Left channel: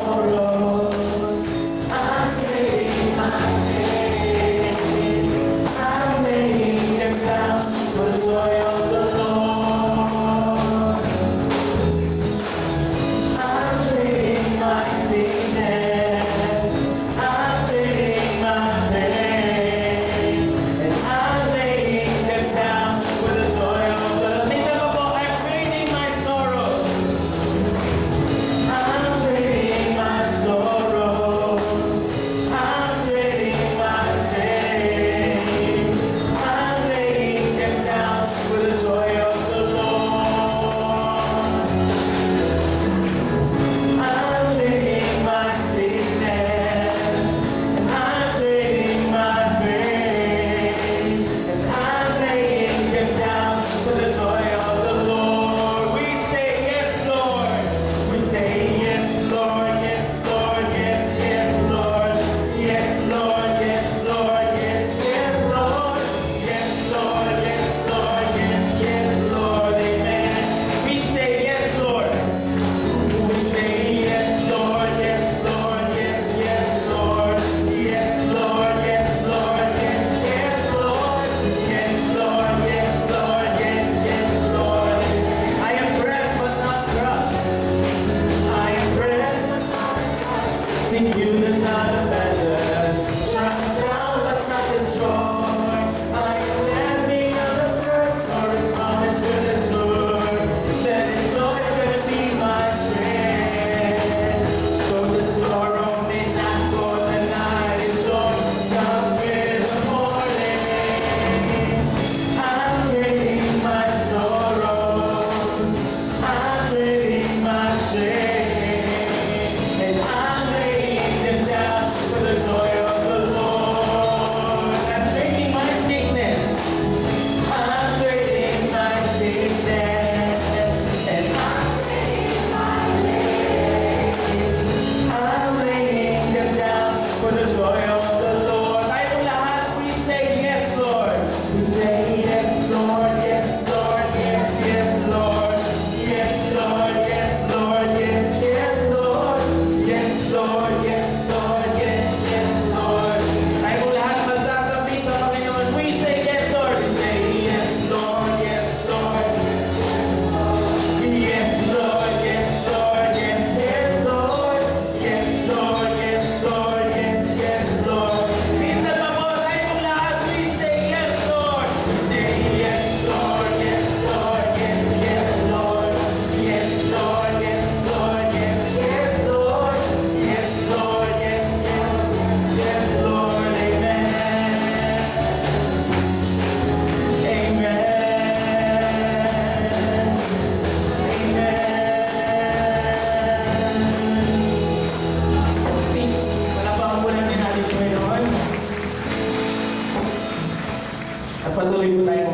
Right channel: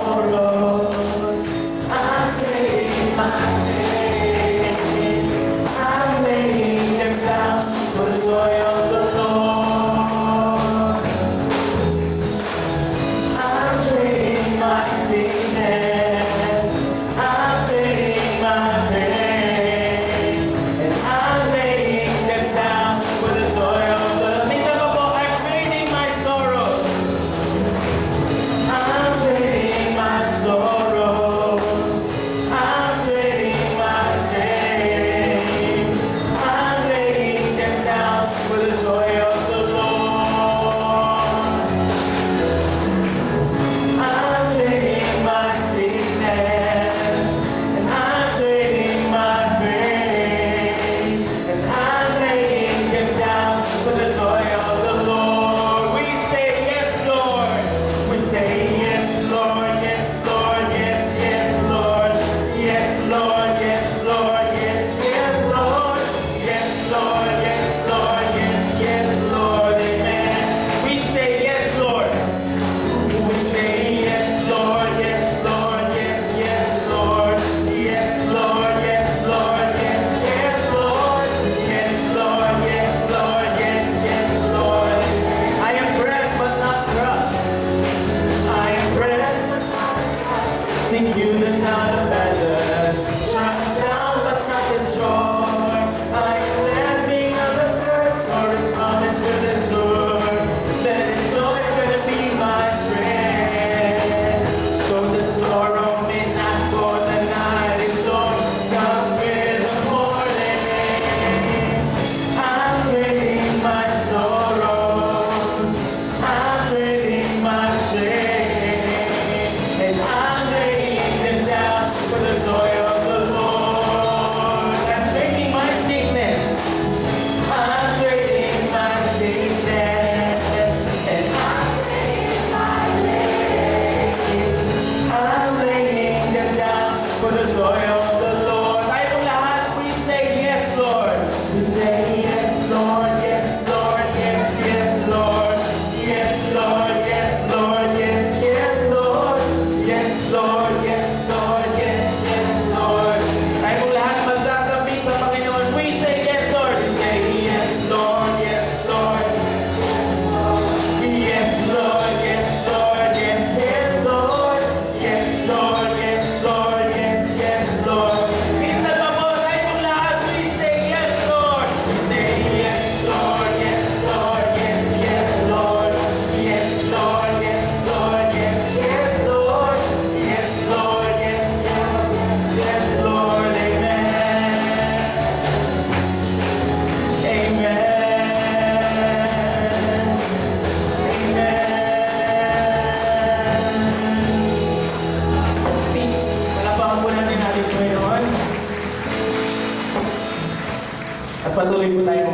sorrows. I'm trading my pain. I'm laying them down for the joy of the Lord. I'm trading my sickness. I'm trading my pain. And I'm laying them down for the joy of the Lord. I'm trading my sorrows. I'm trading my sorrows. I'm trading my pain. I'm laying them down for the joy of the Lord. I'm trading my sickness, and I'm trading my pain, and I'm laying them down for the joy of the Lord. We say yes, Lord. We say yes, Lord, yes, Lord, yes, yes, Lord, yes, Lord, yes, Lord, yes, yes, Lord, yes, Lord, yes, Lord, yes, yes, Lord, amen. We say yes, Lord. We say yes, Lord, yes, Lord, yes, yes, Lord, yes, Lord, yes, Lord, yes, yes, Lord, yes, Lord, yes, Lord, yes, yes, Lord. I am pressed but not crushed. I am pressed but not crushed. Sing you the not abandoned, struck down but not destroyed. I am blessed beyond the curse, for His promise will endure. Let His joy gonna be my strength. So the sorrow may not for the night, His joy comes with the morning. I'm trading my sorrows. I'm trading my shame, and I'm laying them down for the joy of the Lord. I'm trading my sickness. I'm trading my sickness, and I'm trading my pain. I'm laying them down for the joy of the Lord. Tayong lahat, we say yes, Lord. We say yes, Lord, yes, Lord, yes, yes, Lord, yes, Lord, yes, Lord, yes, yes, Lord, yes, Lord, yes, Lord, yes, yes, Lord. Tayong lahat magsasabi sa Panginoon, we say yes, Lord. We say yes, Lord, yes, Lord, yes, Lord, yes, Lord, yes, yes, Lord, yes, Lord, yes, Lord, yes, yes, Lord. Minsan pa po tayong lahat, we say yes, Lord. We say yes, Lord, yes, Lord, yes, yes, Lord, yes, Lord, yes, Lord, yes, yes, Lord, yes, Lord, yes, yes, yes, Lord, amen. Amen. Palapakan po natin natin ngayon. At patuloy po tayo